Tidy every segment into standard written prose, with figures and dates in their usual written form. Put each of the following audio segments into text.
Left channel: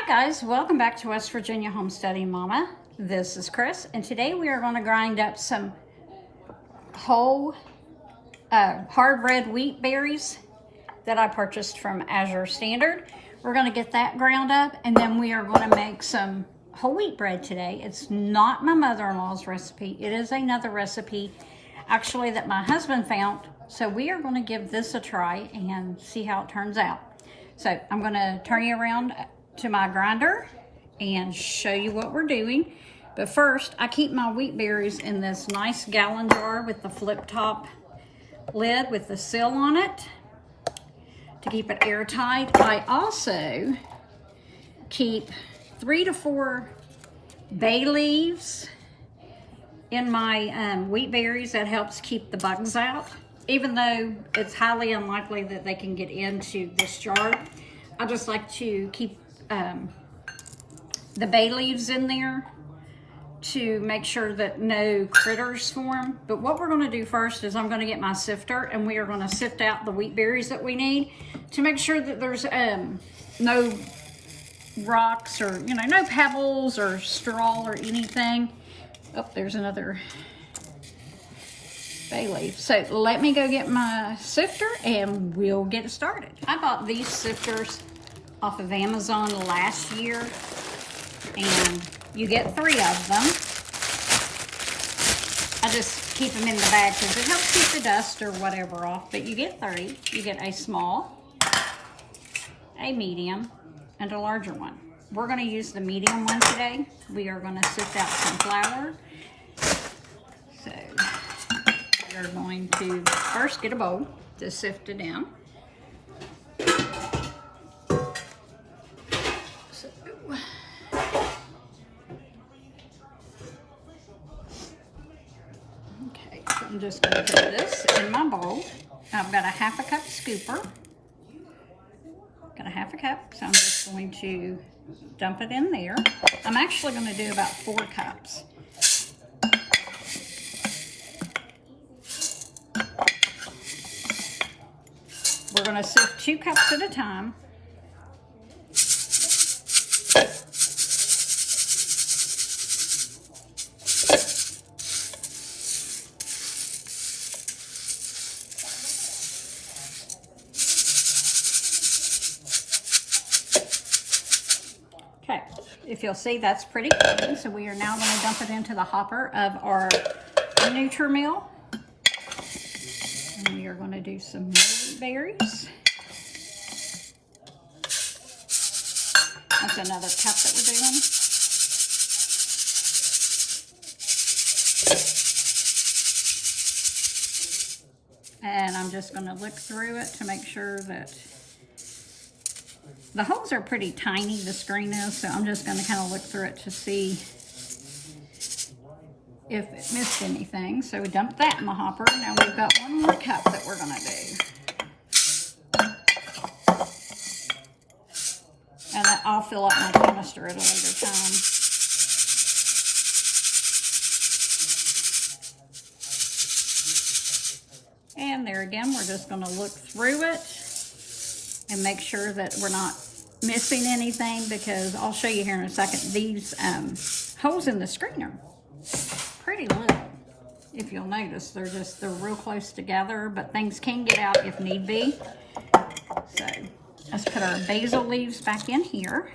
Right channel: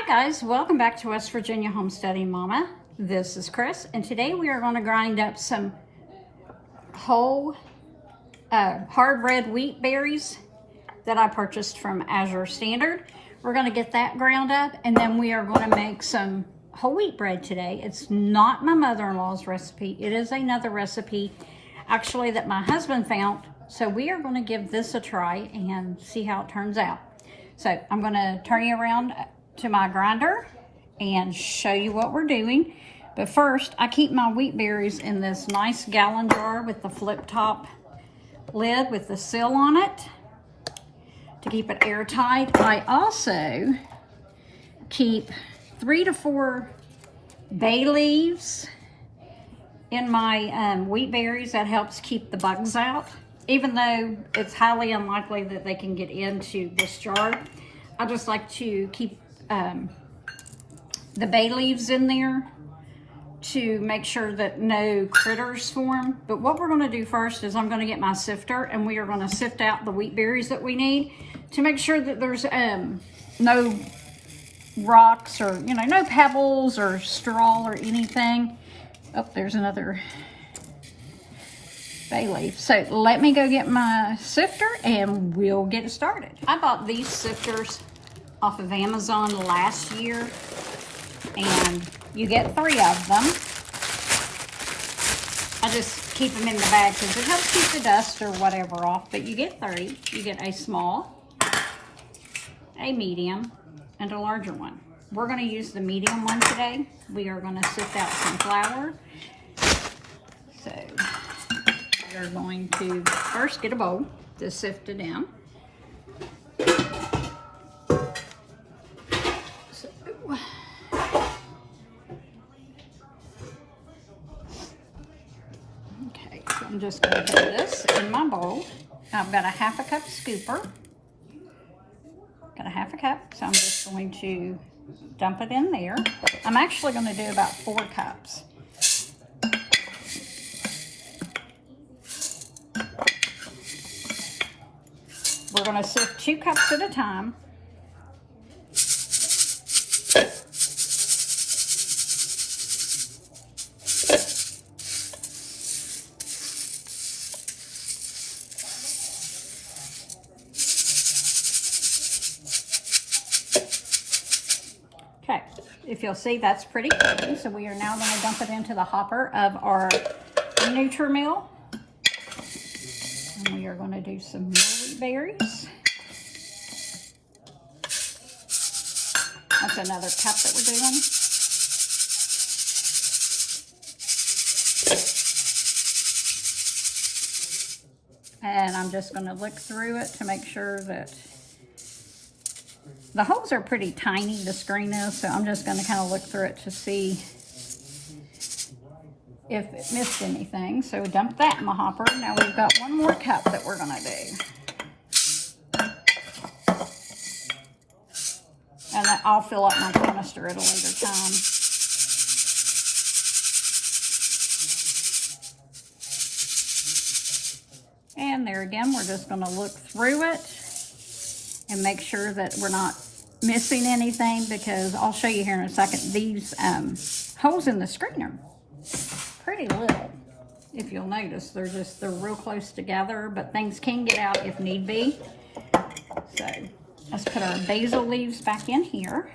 Hi guys, welcome back to West Virginia Homesteading Mama. This is Chris, and today we are going to grind up some whole hard red wheat berries that I purchased from Azure Standard. We're going to get that ground up, and then we are going to make some whole wheat bread today. It's not my mother-in-law's recipe. It is another recipe actually that my husband found. So we are going to give this a try and see how it turns out. So I'm going to turn you around to my grinder and show you what we're doing. But first, I keep my wheat berries in this nice gallon jar with the flip top lid with the seal on it to keep it airtight. I also keep 3 to 4 bay leaves in my wheat berries. That helps keep the bugs out. Even though it's highly unlikely that they can get into this jar, I just like to keep the bay leaves in there to make sure that no critters form. But what we're going to do first is I'm going to get my sifter, and we are going to sift out the wheat berries that we need to make sure that there's no rocks or no pebbles or straw or anything. Oh, there's another bay leaf. So let me go get my sifter and we'll get started. I bought these sifters off of Amazon last year, and you get 3 of them. I just keep them in the bag because it helps keep the dust or whatever off, but you get 3. You get a small, a medium, and a larger one. We're going to use the medium one today. We are going to sift out some flour. So we are going to first get a bowl to sift it in. Okay, I'm just going to put this in my bowl. I've got a 1/2 cup scooper. Got a 1/2 cup, so I'm just going to dump it in there. I'm actually going to do about 4 cups. We're going to sift 2 cups at a time. Okay, if you'll see, that's pretty clean. So we are now going to dump it into the hopper of our Nutrimill. And we are going to do some more wheat berries. That's another cup that we're doing. And I'm just going to look through it to make sure that the holes are pretty tiny, the screen is, so I'm just going to kind of look through it to see if it missed anything. So we dumped that in the hopper. Now we've got 1 more cup that we're going to do. And I'll fill up my canister at a later time. And there again, we're just going to look through it and make sure that we're not missing anything, because I'll show you here in a second. These holes in the screen are pretty little. If you'll notice, they're real close together, but things can get out if need be. So let's put our basil leaves back in here.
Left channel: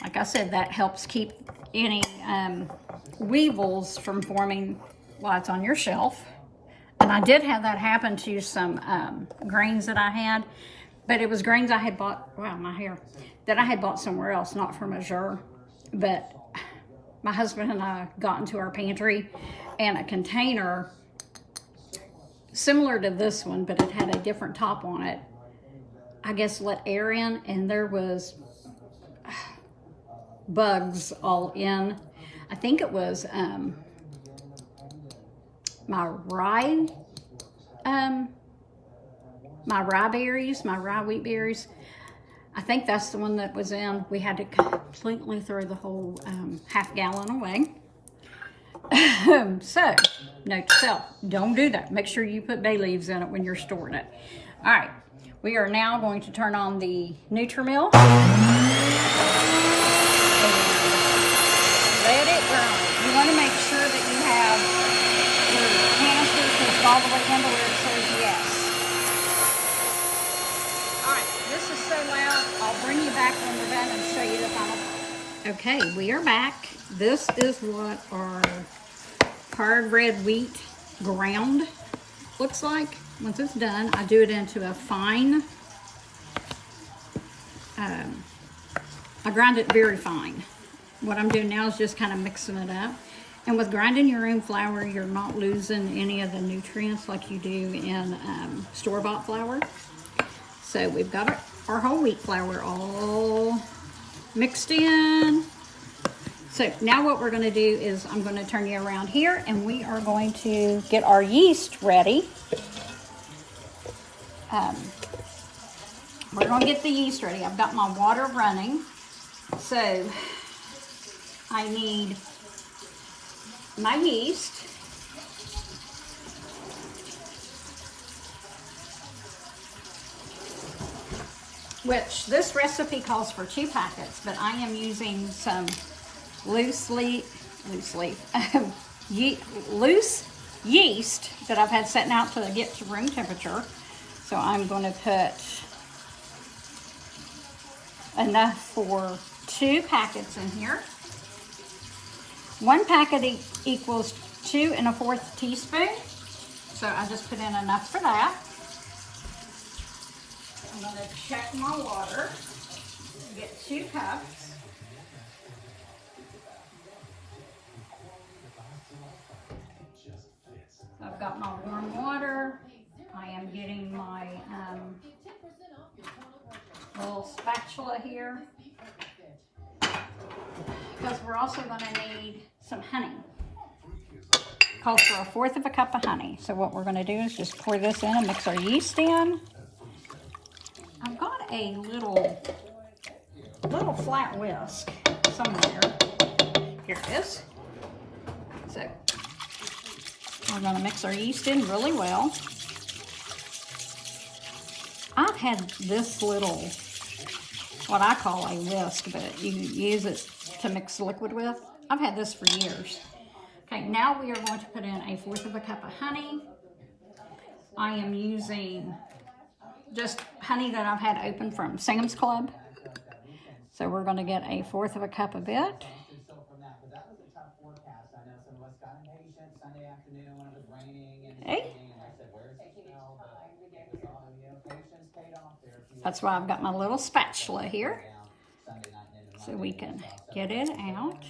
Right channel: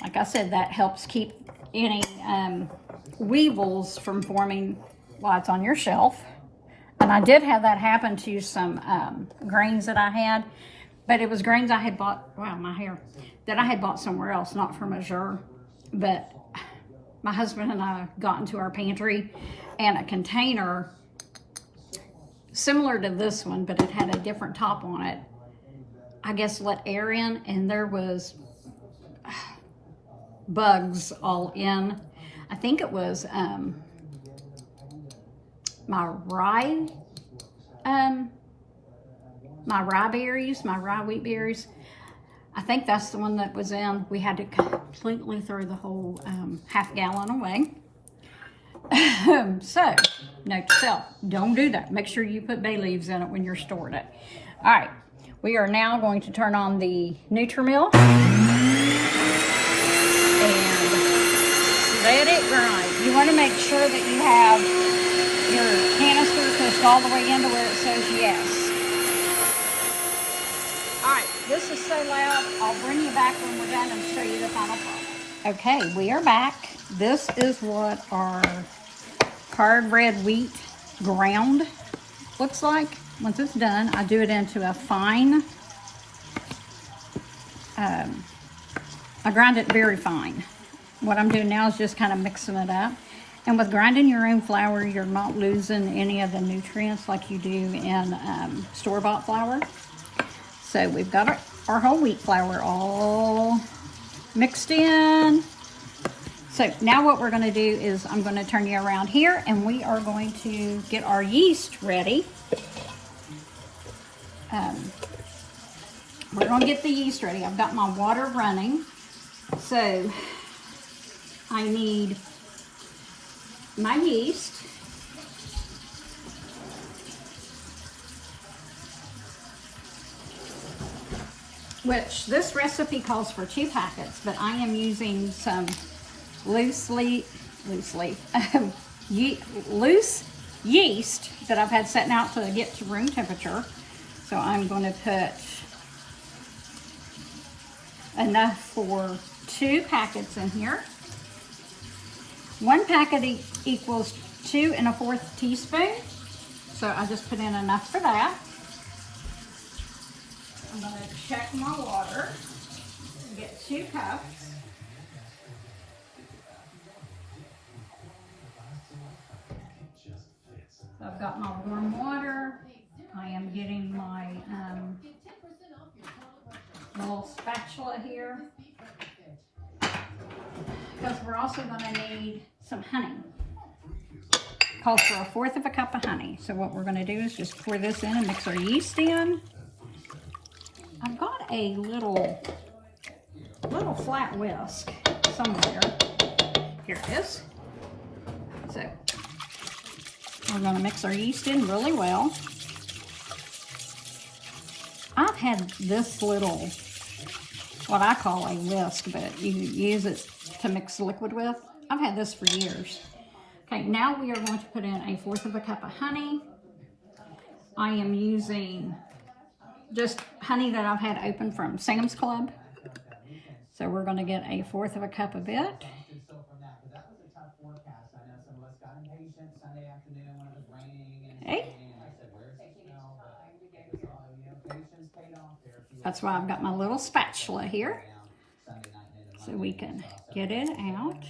Like I said, that helps keep any weevils from forming while it's on your shelf. And I did have that happen to some grains that I had, but it was grains I had bought, wow, my hair, that I had bought somewhere else, not from Azure. But my husband and I got into our pantry, and a container similar to this one, but it had a different top on it, I guess let air in, and there was bugs all in. I think it was my rye berries, my rye wheat berries. I think that's the one that was in. We had to completely throw the whole 1/2 gallon away. So, note to self, don't do that. Make sure you put bay leaves in it when you're storing it. All right, We are now going to turn on the Nutrimill. Let it run. You want to make sure that you have your canister pushed all the way into where it says yes. Alright, this is so loud. I'll bring you back when we're done and show you the final product. Okay, we are back. This is what our hard red wheat ground looks like. Once it's done, I do it into a fine, I grind it very fine. What I'm doing now is just kind of mixing it up. And with grinding your own flour, you're not losing any of the nutrients like you do in store-bought flour. So we've got our whole wheat flour all mixed in. So now what we're going to do is I'm going to turn you around here and we are going to get our yeast ready. We're going to get the yeast ready. I've got my water running. So I need my yeast. Which this recipe calls for 2 packets, but I am using some loose yeast that I've had setting out to get to room temperature. So I'm going to put enough for 2 packets in here. 1 packet equals 2 1/4 teaspoon. So I just put in enough for that. I'm going to check my water and get 2 cups. I've got my warm water. I am getting my little spatula here. Because we're also going to need some honey. Calls for 1/4 cup of honey. So what we're going to do is just pour this in and mix our yeast in. I've got a little flat whisk somewhere. Here it is. So we're going to mix our yeast in really well. I've had this little, what I call a whisk, but you use it to mix liquid with. I've had this for years. Okay, now we are going to put in 1/4 cup of honey. I am using just honey that I've had open from Sam's Club. So we're going to get 1/4 cup of it. Okay. That's why I've got my little spatula here, so we can get it out.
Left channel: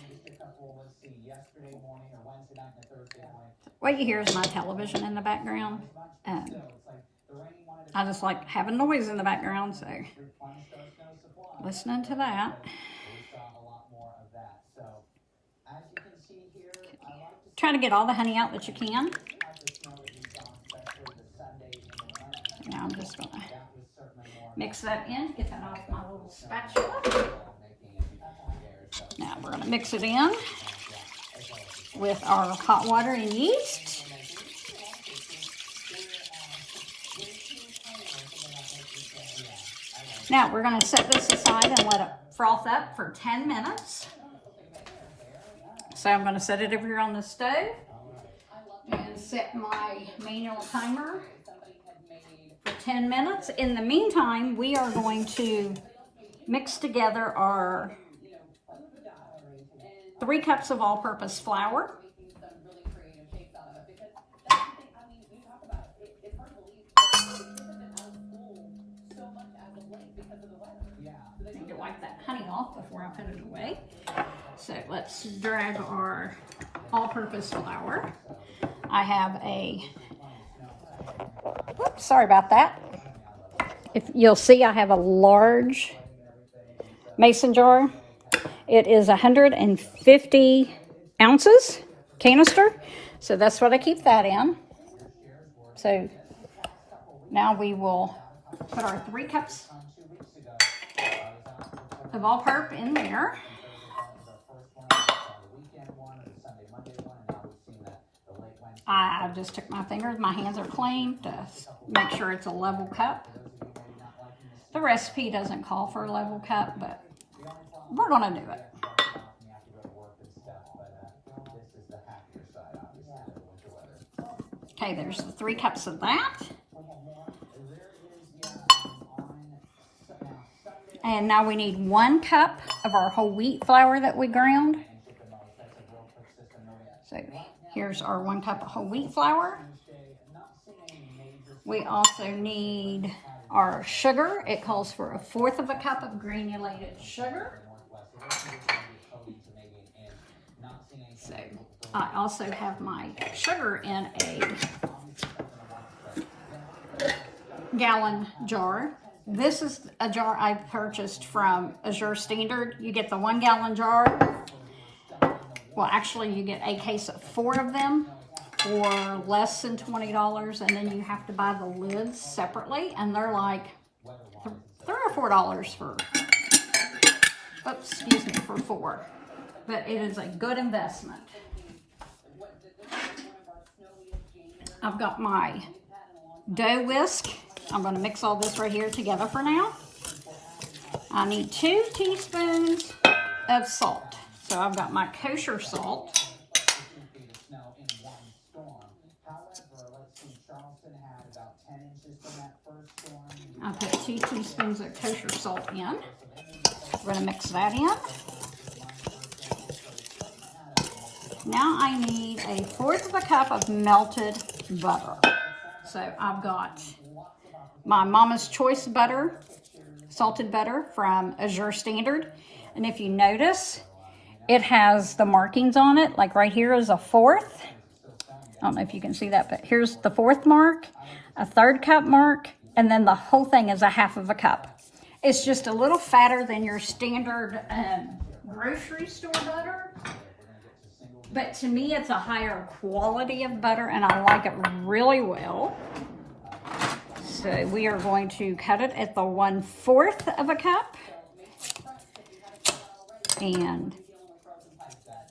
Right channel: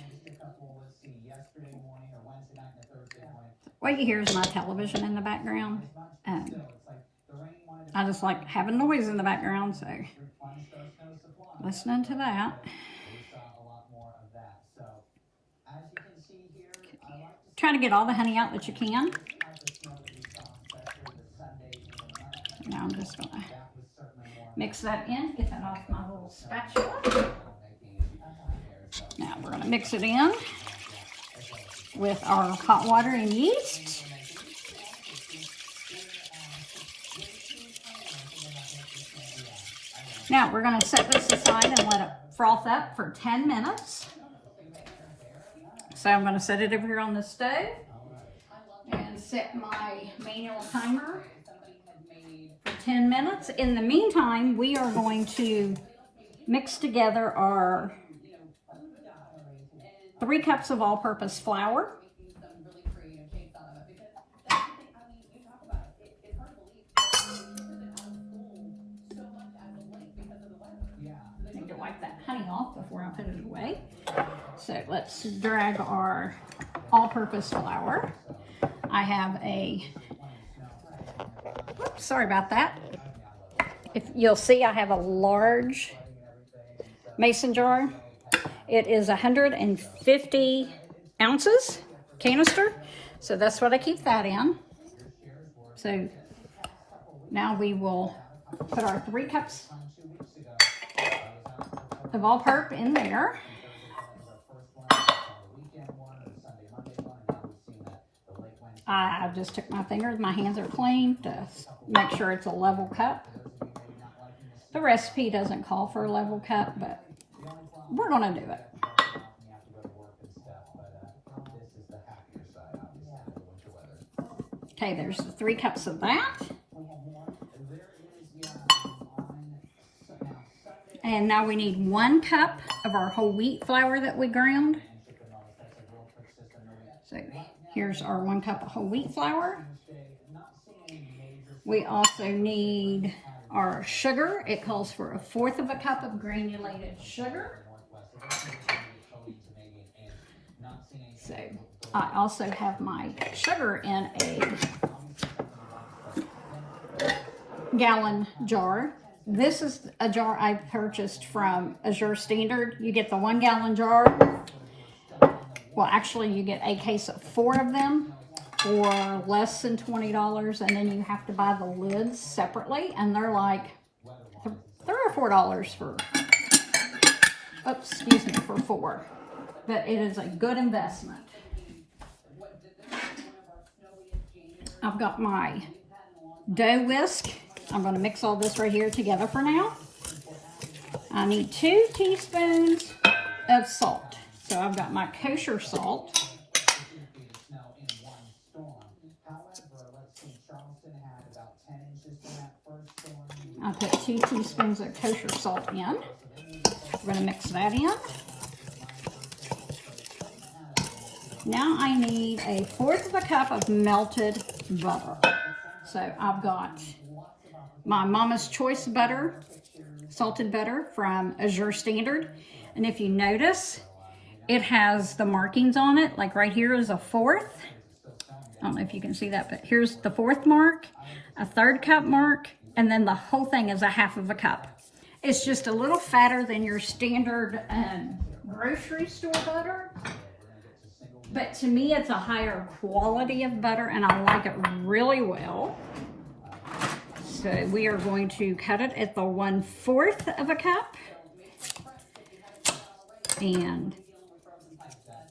What you hear is my television in the background. I just like having noise in the background, so listening to that. Try to get all the honey out that you can. Now I'm just going to mix that in, get that off my little spatula. Now we're going to mix it in with our hot water and yeast. Now we're going to set this aside and let it froth up for 10 minutes. So I'm going to set it over here on the stove and set my manual timer for 10 minutes. In the meantime, we are going to mix together our 3 cups of all-purpose flour. I need to wipe that honey off before I put it away. So let's drag our all-purpose flour. I have a, whoops, sorry about that. If you'll see, I have a large mason jar. It is 150 ounces canister. So that's what I keep that in. So now we will put our 3 cups of all-purp in there. I just took my fingers, my hands are clean to make sure it's a level cup. The recipe doesn't call for a level cup, but we're gonna do it. Okay, there's the 3 cups of that. And now we need 1 cup of our whole wheat flour that we ground. So here's our 1 cup of whole wheat flour. We also need our sugar. It calls for 1/4 of a cup of granulated sugar. So I also have my sugar in a gallon jar. This is a jar I purchased from Azure Standard. You get the 1 gallon jar. Well, actually you get a case of 4 of them for less than $20, and then you have to buy the lids separately, and they're like $3 or $4 for, oops, excuse me, for 4. But it is a good investment. I've got my dough whisk. I'm going to mix all this right here together for now. I need 2 teaspoons of salt. So I've got my kosher salt. I put 2 teaspoons of kosher salt in. We're going to mix that in. Now I need 1/4 of a cup of melted butter. So I've got my Mama's Choice butter, salted butter from Azure Standard. And if you notice, it has the markings on it. Like right here is a 1/4. I don't know if you can see that, but here's the 4th mark, a 3rd cup mark, and then the whole thing is a 1/2 of a cup. It's just a little fatter than your standard grocery store butter. But to me, it's a higher quality of butter, and I like it really well. So we are going to cut it at the 1/4 of a cup. And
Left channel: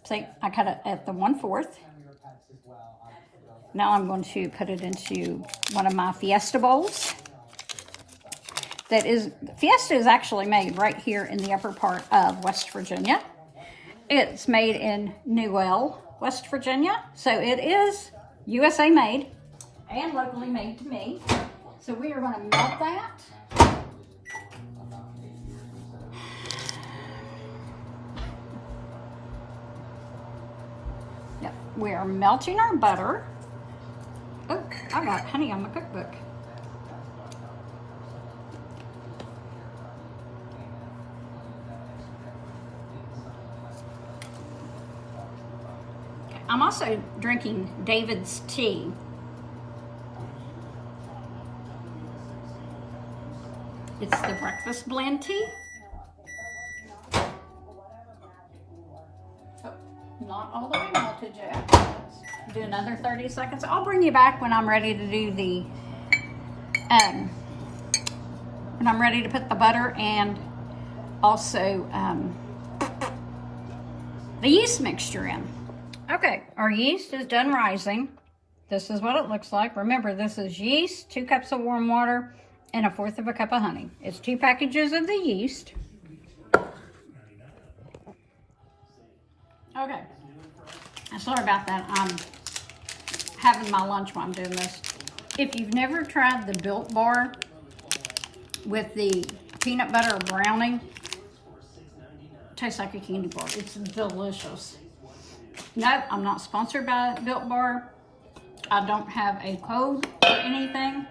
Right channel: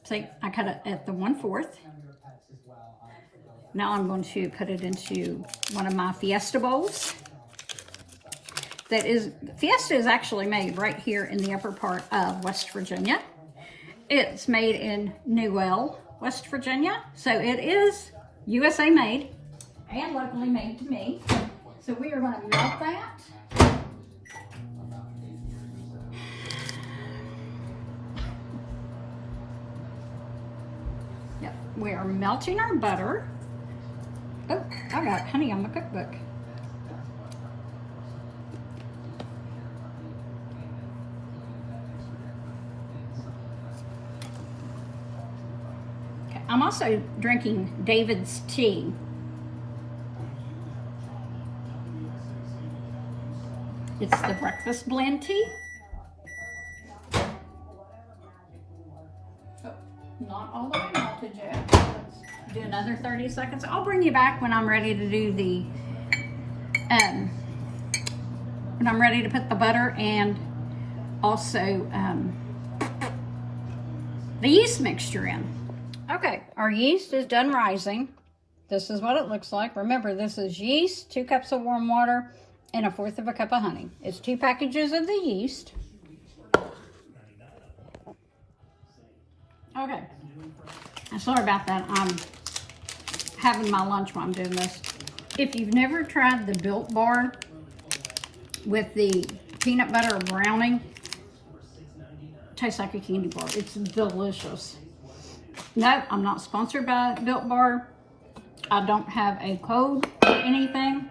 say I cut it at the 1/4. Now I'm going to put it into one of my Fiesta bowls. Fiesta is actually made right here in the upper part of West Virginia. It's made in Newell, West Virginia. So it is USA made and locally made to me. So we are going to melt that. Yep, we are melting our butter. Oh, I got honey on my cookbook. Okay, I'm also drinking David's tea. It's the breakfast blend tea. Oh, not all the way melted yet. Let's do another 30 seconds. I'll bring you back when I'm ready to do the, when I'm ready to put the butter and also the yeast mixture in. Okay, our yeast is done rising. This is what it looks like. Remember, this is yeast, 2 cups of warm water, and 1/4 of a cup of honey. It's 2 packages of the yeast. Okay. Sorry about that. I'm having my lunch while I'm doing this. If you've never tried the Built Bar with the peanut butter brownie, it tastes like a candy bar. It's delicious. No, I'm not sponsored by Built Bar. I don't have a code or anything.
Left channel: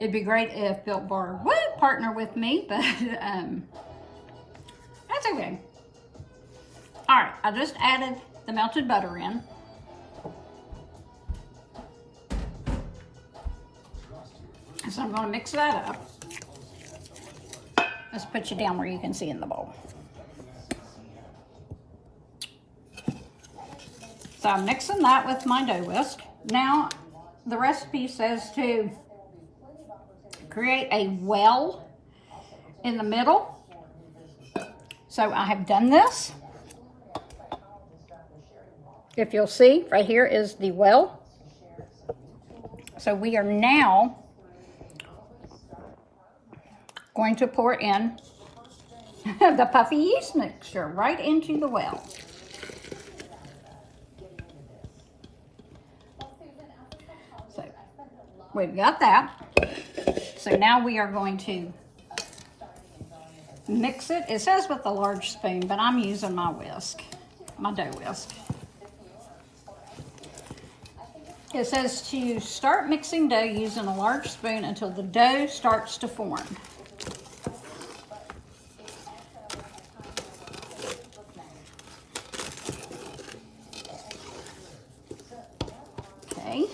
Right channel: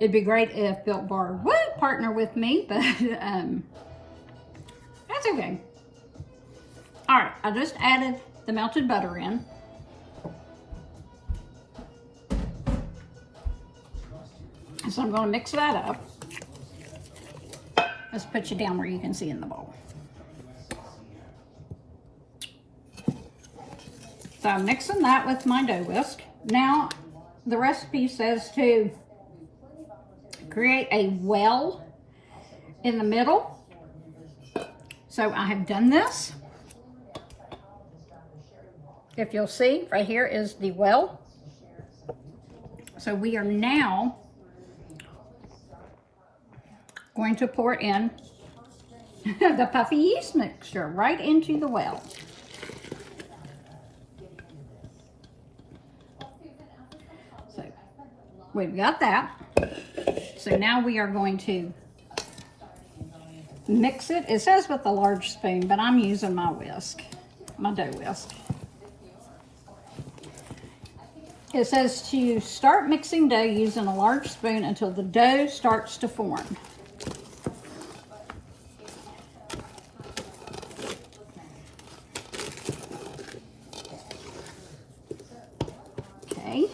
It'd be great if Built Bar would partner with me, but that's okay. All right, I just added the melted butter in. So I'm going to mix that up. Let's put you down where you can see in the bowl. So I'm mixing that with my dough whisk. Now, the recipe says to create a well in the middle. So I have done this. If you'll see, right here is the well. So we are now going to pour in the puffy yeast mixture right into the well. So we've got that. So now we are going to mix it. It says with a large spoon, but I'm using my whisk, my dough whisk. It says to start mixing dough using a large spoon until the dough starts to form. Okay.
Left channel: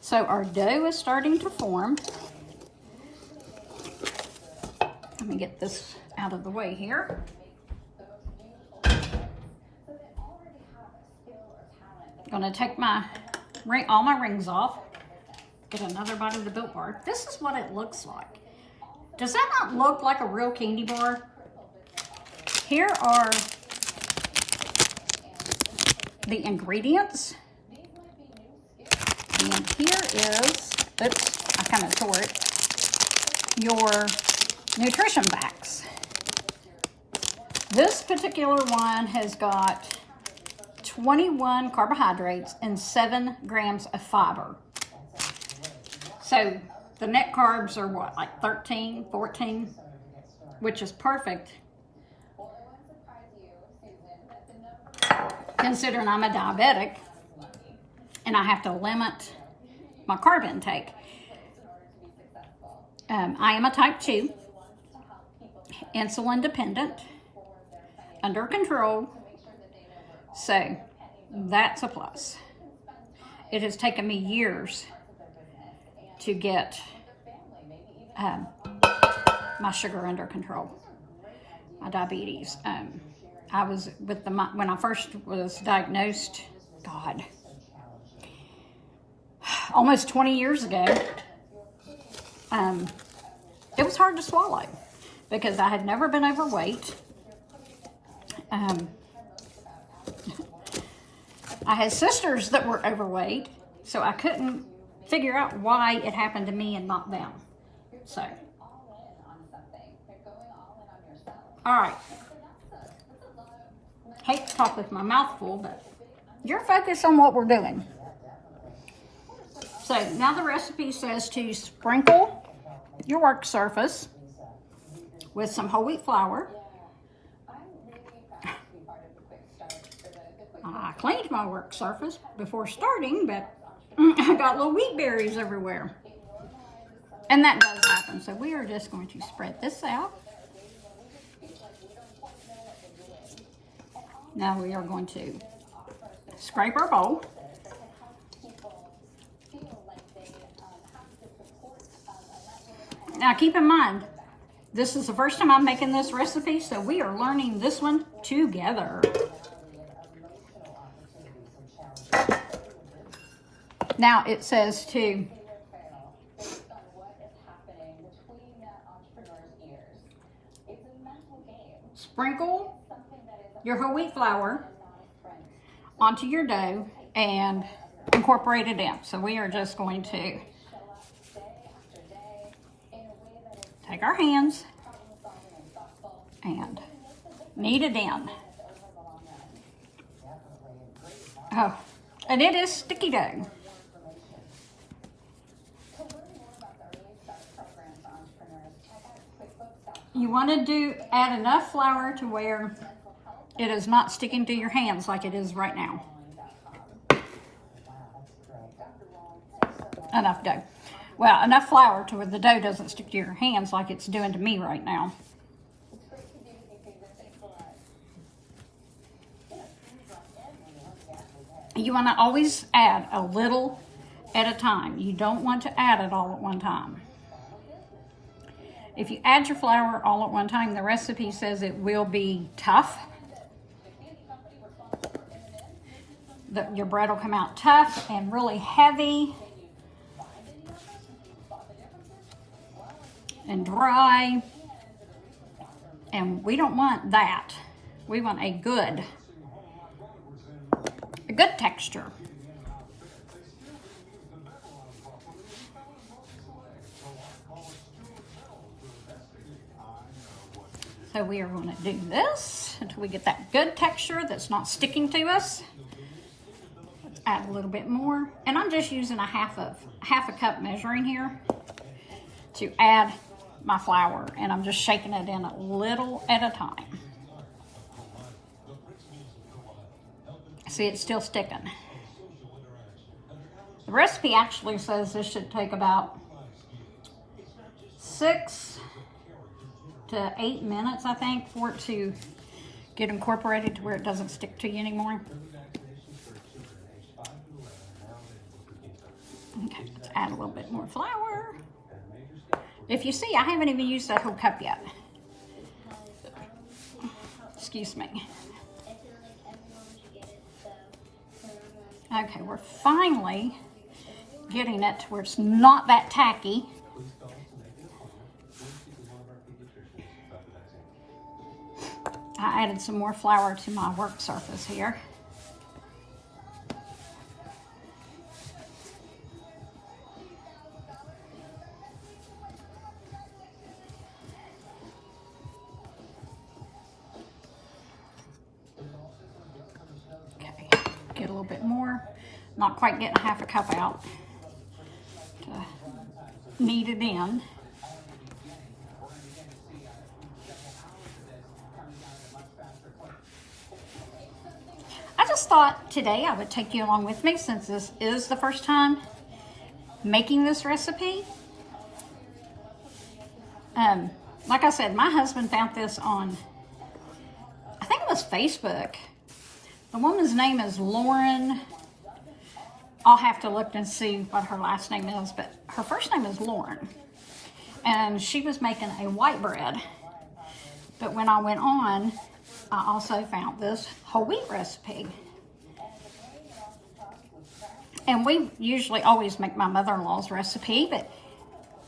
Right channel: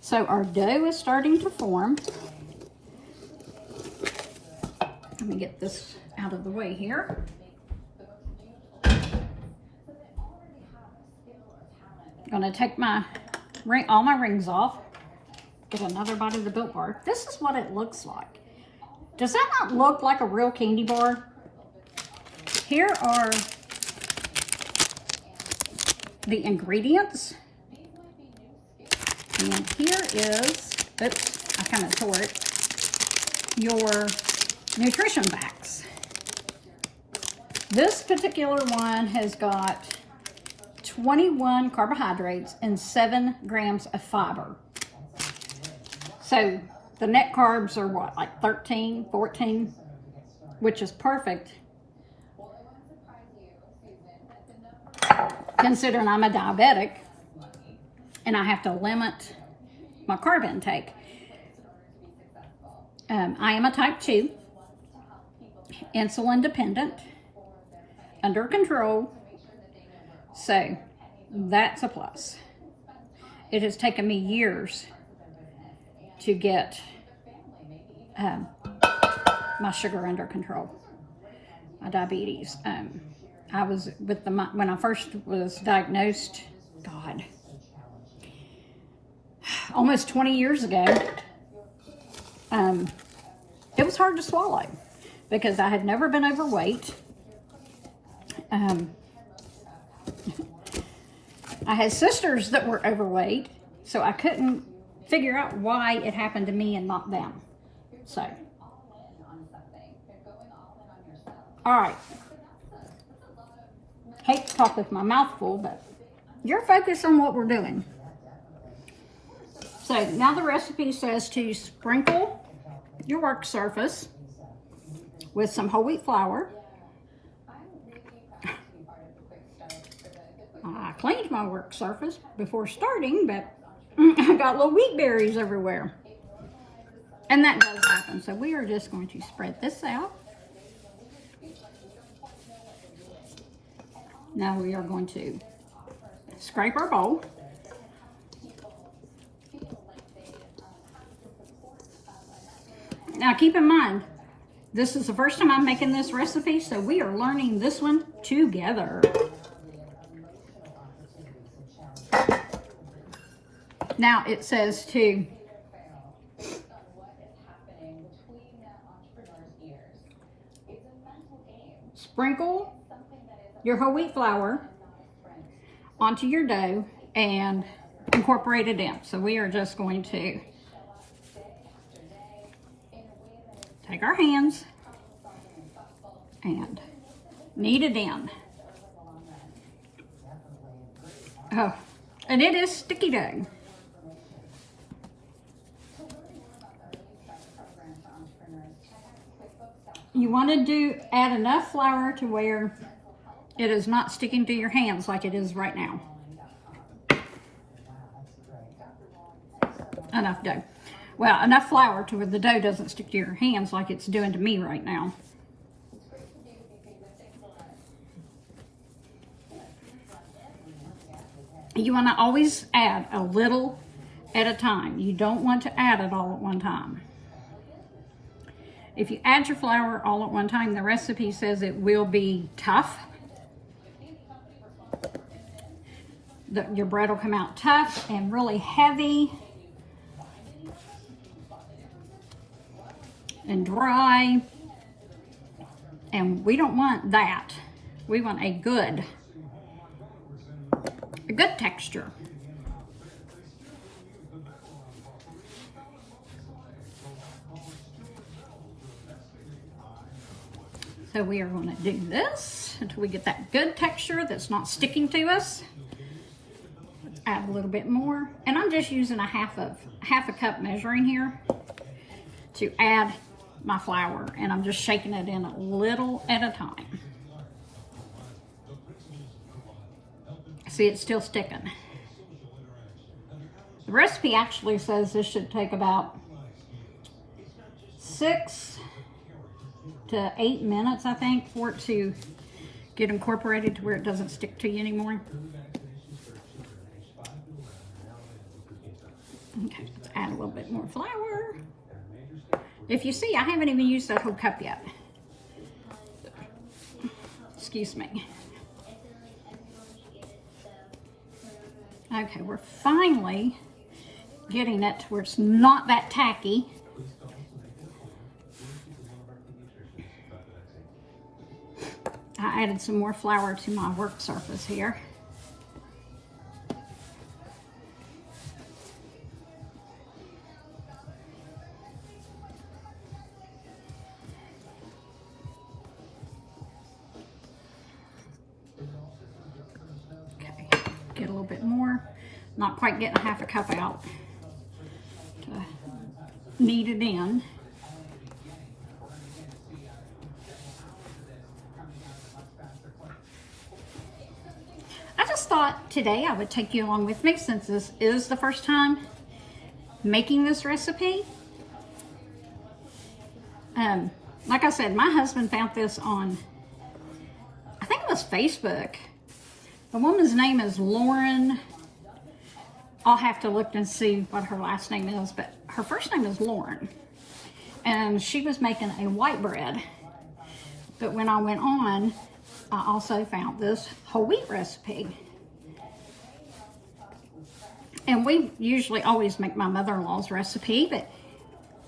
So our dough is starting to form. Let me get this out of the way here. I'm gonna take all my rings off, get another bite of the Built Bar. This is what it looks like. Does that not look like a real candy bar? Here are the ingredients. And here is, oops, I kind of tore it, your nutrition facts. This particular one has got 21 carbohydrates and 7 grams of fiber. So the net carbs are what, like 13, 14, which is perfect considering I'm a diabetic and I have to limit my carb intake. I am a type 2, insulin dependent, under control, so that's a plus. It has taken me years to get my sugar under control, my diabetes. I was when I first was diagnosed, God, almost 20 years ago, it was hard to swallow because I had never been overweight. I had sisters that were overweight, so I couldn't figure out why it happened to me and not them. So, all right. Hate to talk with my mouth full, but you're focused on what we're doing. So now the recipe says to sprinkle your work surface with some whole wheat flour. I cleaned my work surface before starting, but I got little wheat berries everywhere. And that does happen. So we are just going to spread this out. Now we are going to scrape our bowl. Now keep in mind, this is the first time I'm making this recipe, so we are learning this one together. Now it says to sprinkle your whole wheat flour onto your dough and incorporate it in. So we are just going to take our hands and knead it in. Oh, and it is sticky dough. You want to add enough flour to where it is not sticking to your hands like it is right now. Enough dough. Well, enough flour to where the dough doesn't stick to your hands like it's doing to me right now. You want to always add a little at a time. You don't want to add it all at one time. If you add your flour all at one time, the recipe says it will be tough. Your bread will come out tough and really heavy and dry. And we don't want that. We want a good texture. So we are going to do this until we get that good texture that's not sticking to us. Let's add a little bit more. And I'm just using a half a cup measuring here to add my flour. And I'm just shaking it in a little at a time. See, it's still sticking. The recipe actually says this should take about 6 to 8 minutes, I think, for it to get incorporated to where it doesn't stick to you anymore. Okay, let's add a little bit more flour. If you see, I haven't even used that whole cup yet. Excuse me. Okay, we're finally getting it to where it's not that tacky. I added some more flour to my work surface here. Okay, get a little bit more. Not quite getting half a cup out to knead it in. I just thought today I would take you along with me since this is the first time making this recipe. Like I said, my husband found this on, I think it was Facebook. The woman's name is Lauren. I'll have to look and see what her last name is, but her first name is Lauren. And she was making a white bread. But when I went on, I also found this whole wheat recipe. And we usually always make my mother-in-law's recipe, but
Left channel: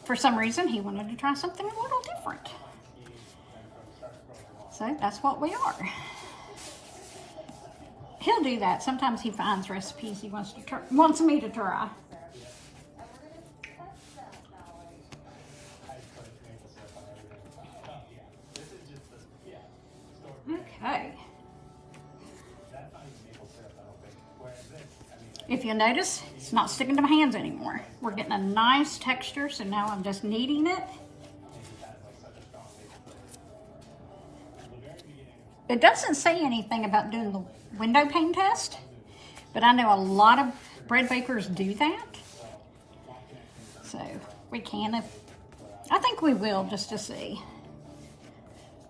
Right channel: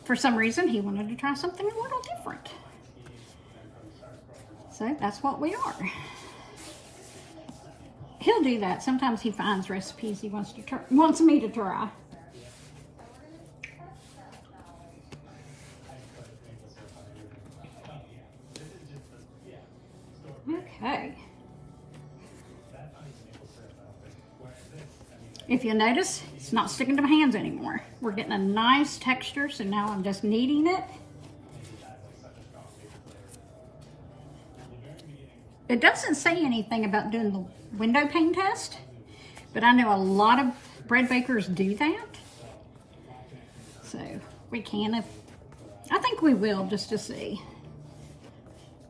for some reason he wanted to try something a little different. So that's what we are. He'll do that. Sometimes he finds recipes he wants me to try. Okay. If you notice, it's not sticking to my hands anymore. We're getting a nice texture, so now I'm just kneading it. It doesn't say anything about doing the Windowpane test, but I know a lot of bread bakers do that. So we can, I think we will, just to see.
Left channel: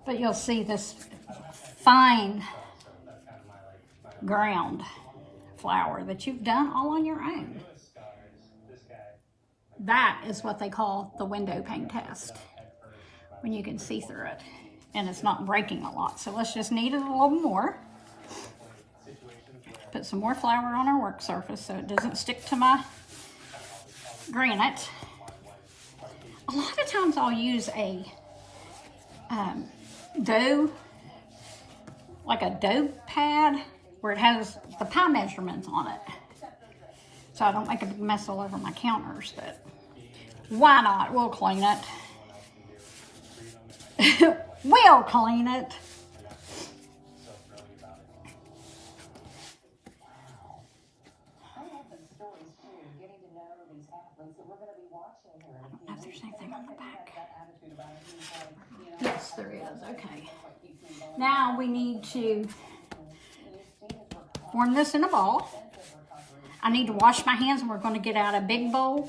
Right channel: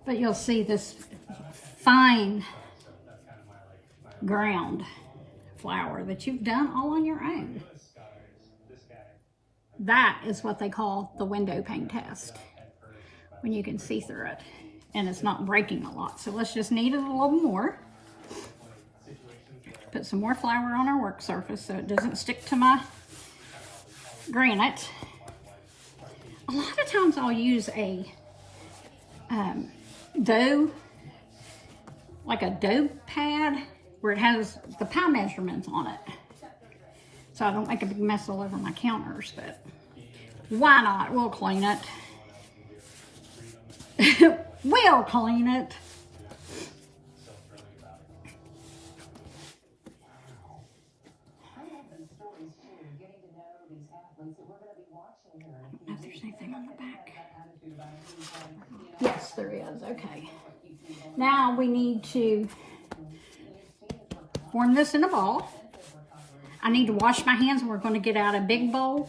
But you'll see this fine ground flour that you've done all on your own. That is what they call the Windowpane test, when you can see through it and it's not breaking a lot. So let's just knead it a little more. Put some more flour on our work surface so it doesn't stick to my granite. A lot of times I'll use a dough, like a dough pad, where it has the pie measurements on it, so I don't make a big mess all over my counters. But why not? We'll clean it. We'll clean it. I don't know if there's anything on the back. Yes, there is. Okay. Now we need to form this in a ball. I need to wash my hands, and we're going to get out a big bowl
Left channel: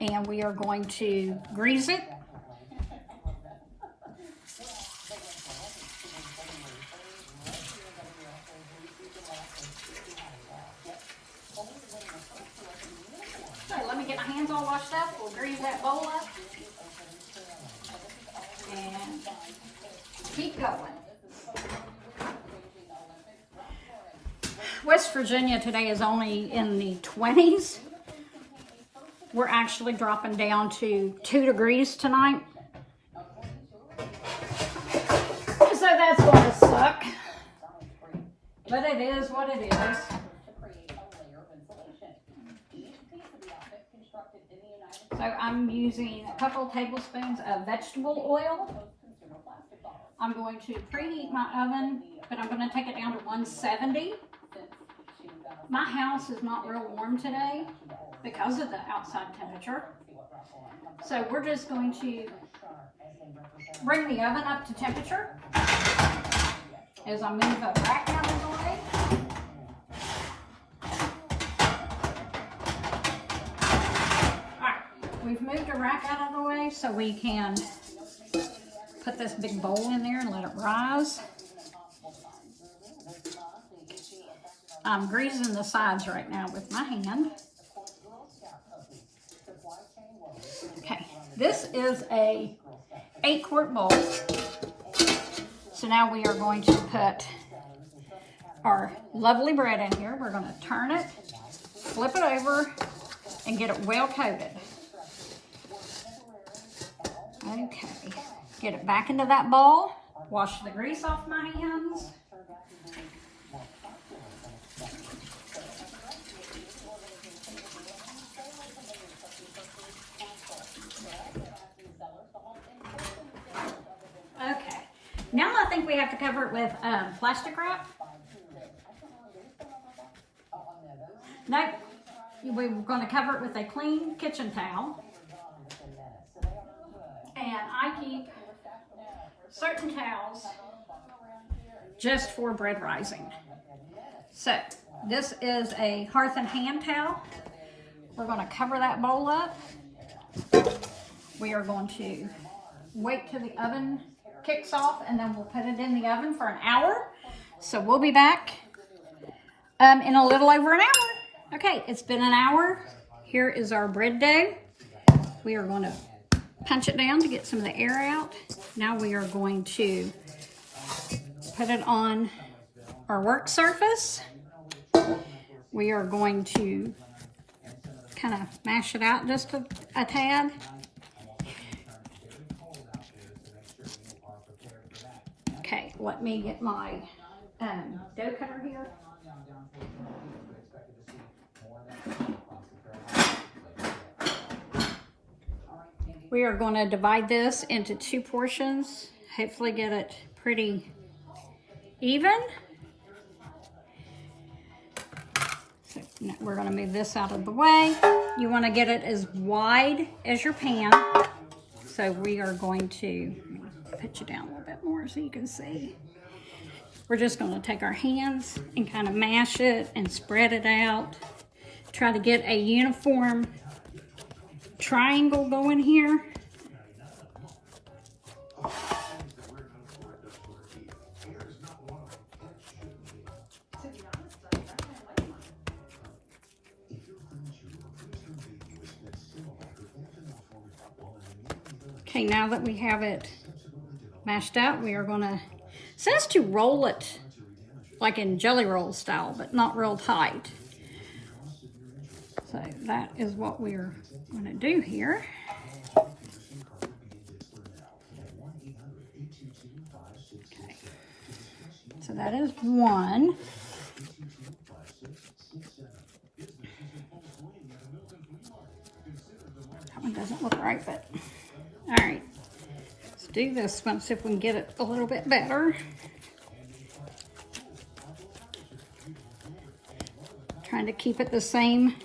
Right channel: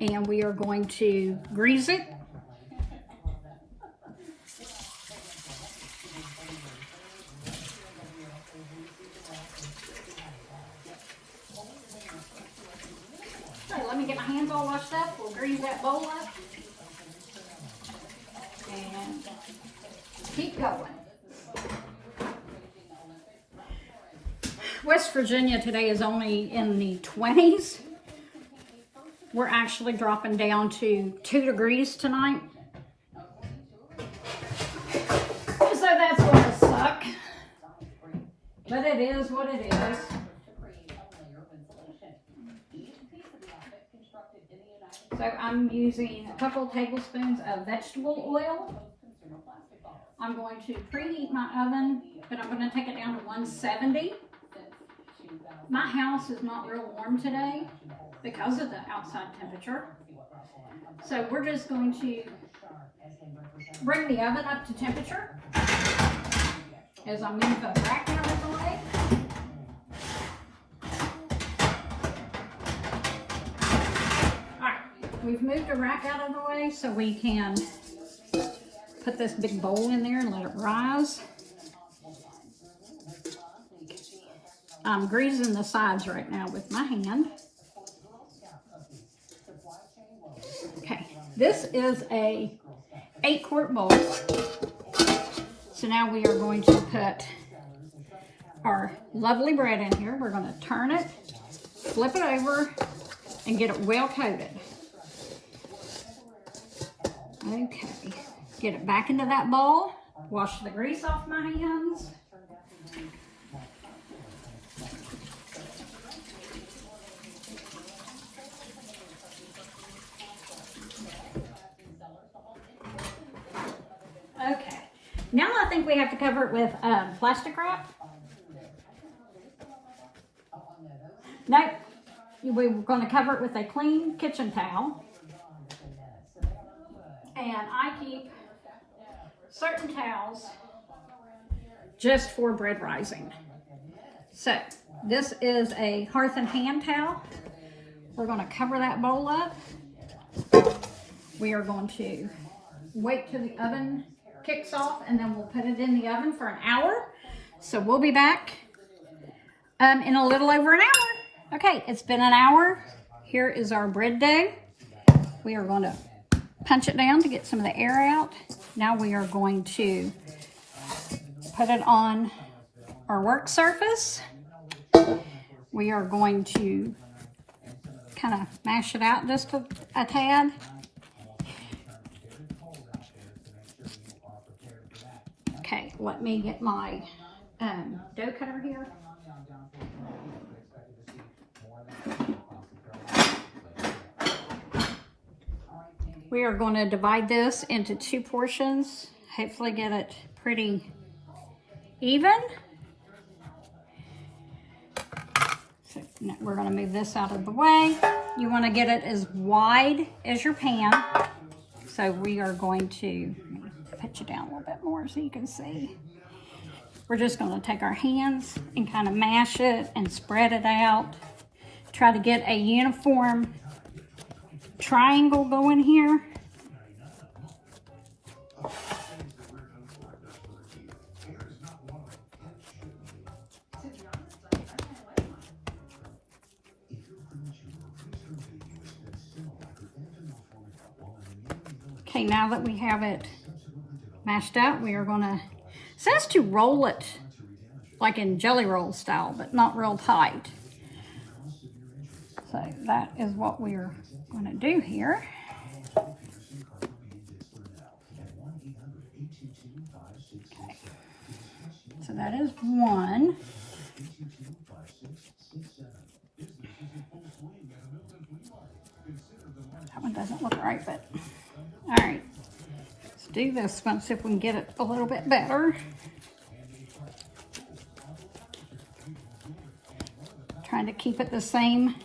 and we are going to grease it. So let me get my hands all washed up. We'll grease that bowl up and keep going. West Virginia today is only in the 20s. We're actually dropping down to 2 degrees tonight. So that's going to suck. But it is what it is. So I'm using a couple tablespoons of vegetable oil. I'm going to preheat my oven, but I'm going to take it down to 170. My house is not real warm today because of the outside temperature. So we're just going to bring the oven up to temperature as I move the rack out of the way. Alright, we've moved the rack out of the way so we can put this big bowl in there and let it rise. I'm greasing the sides right now with my hand. Okay, this is a 8-quart bowl. So now we are going to put our lovely bread in here. We're going to turn it, flip it over, and get it well coated. Okay, get it back into that bowl. Wash the grease off my hands. Okay, now I think we have to cover it with plastic wrap. Nope, we're going to cover it with a clean kitchen towel. And I keep certain towels just for bread rising. So this is a hearth and hand towel. We're going to cover that bowl up. We are going to wait till the oven kicks off, and then we'll put it in the oven for an hour. So we'll be back in a little over an hour. Okay, it's been an hour. Here is our bread dough. We are going to punch it down to get some of the air out. Now we are going to put it on our work surface. We are going to kind of mash it out just a tad. Okay, let me get my dough cutter here. We are going to divide this into 2 portions. Hopefully get it pretty even. So we're going to move this out of the way. You want to get it as wide as your pan. So we are going to put you down a little bit more so you can see. We're just going to take our hands and kind of mash it and spread it out. Try to get a uniform triangle going here. Okay, now that we have it mashed up, we are going to, it says to roll it like in jelly roll style, but not real tight. So that is what we're going to do here. Okay, so that is one. That one doesn't look right, but all right. Let's do this one, see if we can get it a little bit better. Trying to keep it the same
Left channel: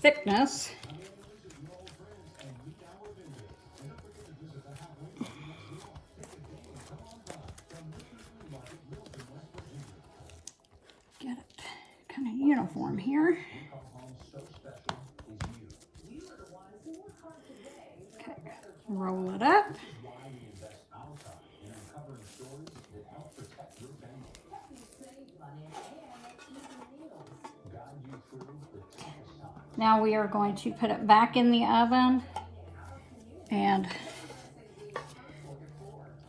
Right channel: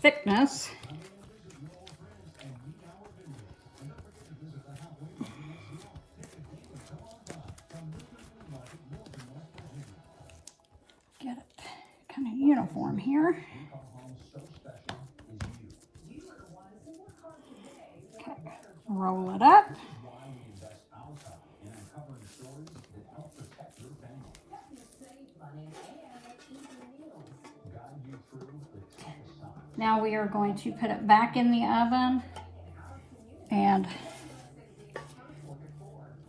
thickness. Get it kind of uniform here. Okay, roll it up. Now we are going to put it back in the oven and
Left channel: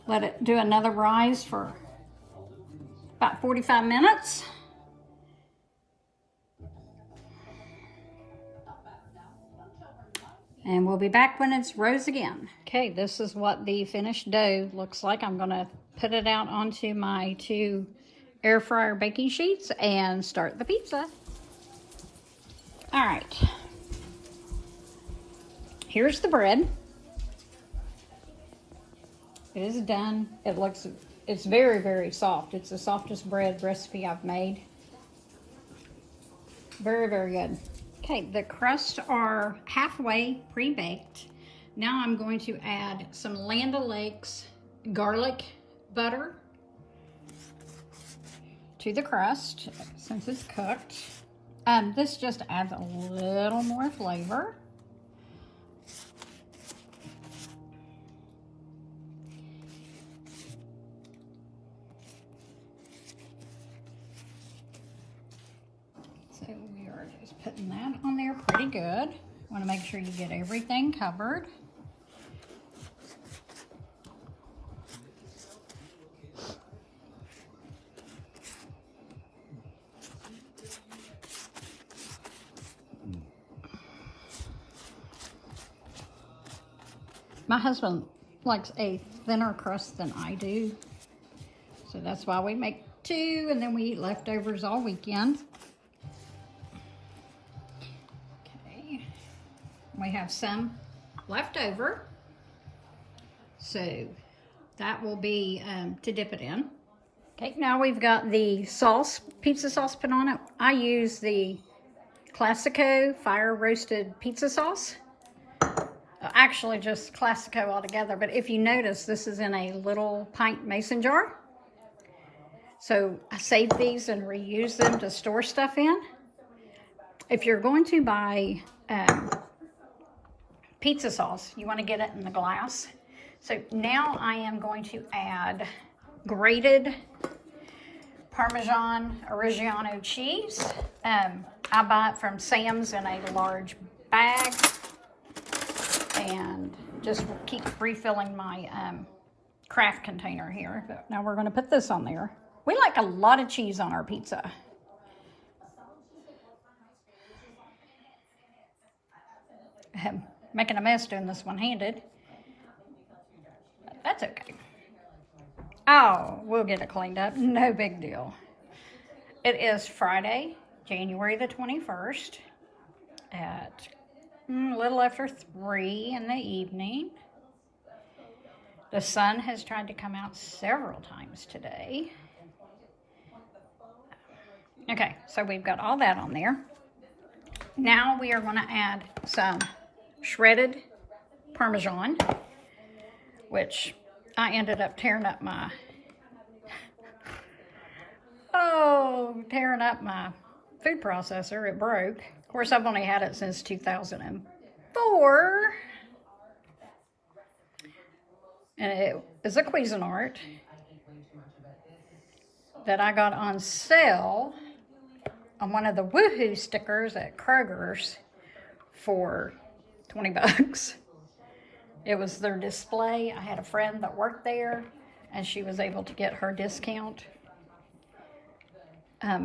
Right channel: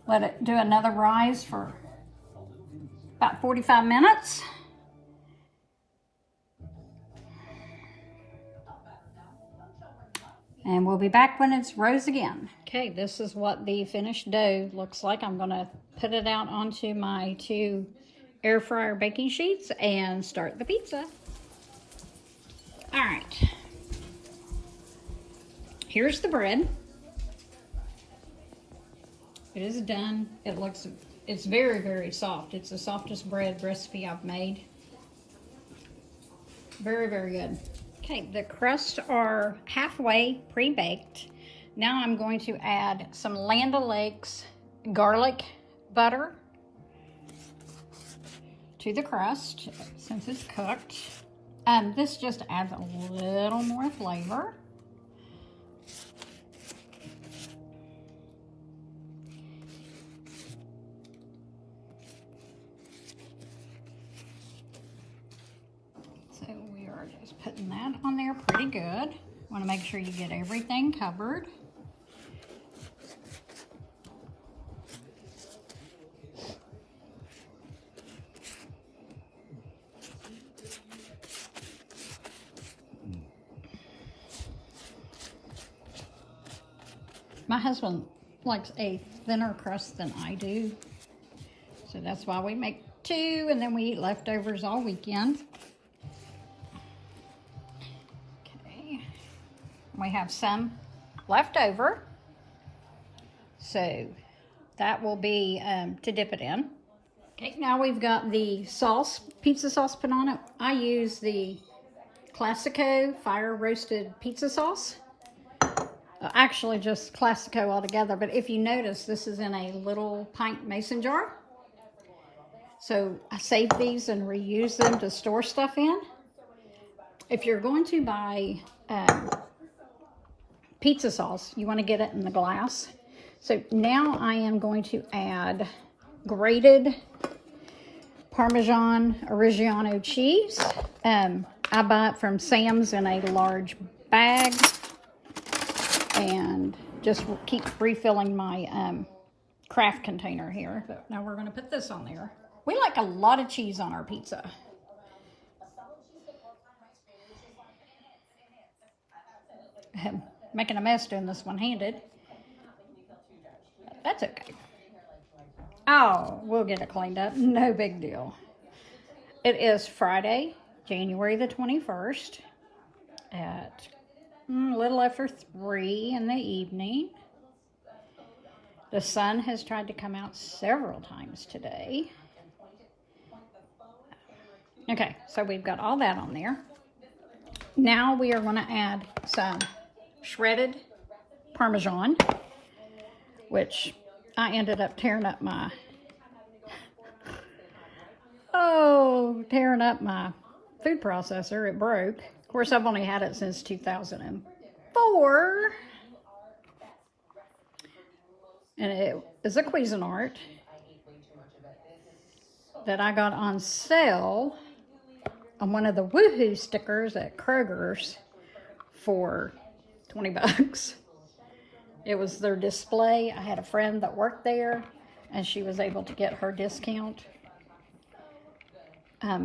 let it do another rise for about 45 minutes. And we'll be back when it's rose again. Okay, this is what the finished dough looks like. I'm gonna put it out onto my 2 air fryer baking sheets and start the pizza. All right, here's the bread. It is done. It's very, very soft. It's the softest bread recipe I've made. Very, very good. Okay, the crusts are halfway pre-baked. Now I'm going to add some Land O'Lakes garlic butter to the crust since it's cooked. This just adds a little more flavor. So we are just putting that on there pretty good. Want to make sure you get everything covered. My husband likes a thinner crust than I do, so that's why we make two, and then we eat leftovers all weekend. Okay, we have some left over, so that will be to dip it in. Okay, now we've got the sauce, pizza sauce put on it. I use the Classico fire roasted pizza sauce. Actually just Classico altogether, but if you notice, this is in a little pint mason jar. So I save these and reuse them to store stuff in. If you're going to buy pizza sauce, you want to get it in the glass. So now I am going to add grated Parmesan Reggiano cheese. I buy it from Sam's in a large bag. And just keep refilling my craft container here. But now we're going to put this on there. We like a lot of cheese on our pizza. I'm making a mess doing this one-handed. That's okay. Oh, we'll get it cleaned up. No big deal. It is Friday, January the 21st at a little after 3 in the evening. The sun has tried to come out several times today. Okay, so we've got all that on there. Now we are going to add some shredded Parmesan, which I ended up tearing up my food processor. It broke. Of course, I've only had it since 2004. And it is a Cuisinart that I got on sale on one of the Woohoo stickers at Kroger's for 20 bucks. It was their display. I had a friend that worked there, and she was able to get her discount.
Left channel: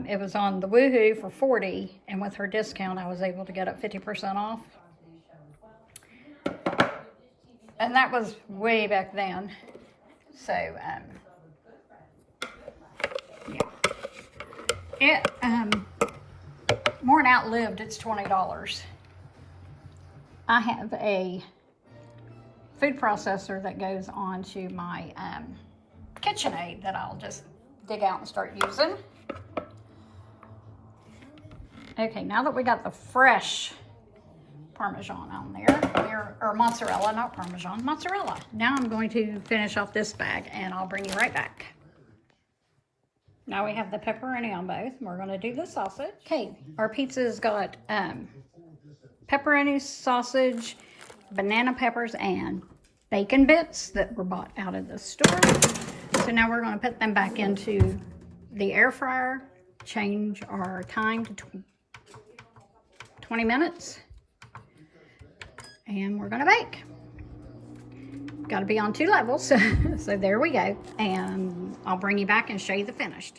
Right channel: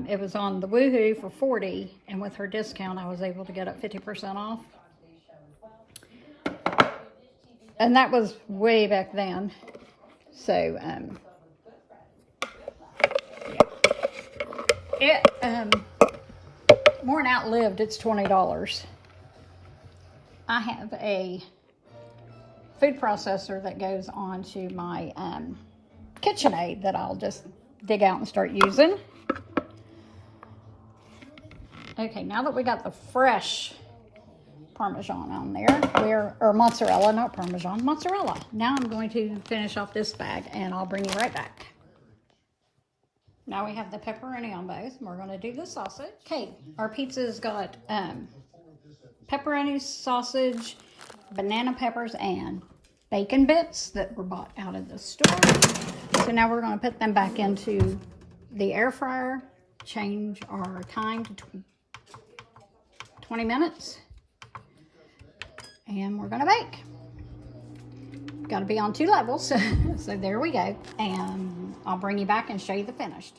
It was on the Woohoo for 40, and with her discount, I was able to get it 50% off. And that was way back then. So, yeah. It, more than outlived its $20. I have a food processor that goes onto my KitchenAid that I'll just dig out and start using. Okay, now that we got the fresh Parmesan on there, or mozzarella, not Parmesan, mozzarella. Now I'm going to finish off this bag and I'll bring you right back. Now we have the pepperoni on both. We're going to do the sausage. Okay, our pizza's got pepperoni, sausage, banana peppers, and bacon bits that were bought out of the store. So now we're going to put them back into the air fryer, change our time to 20 minutes, and we're going to bake. Got to be on 2 levels, so there we go. And I'll bring you back and show you the finished.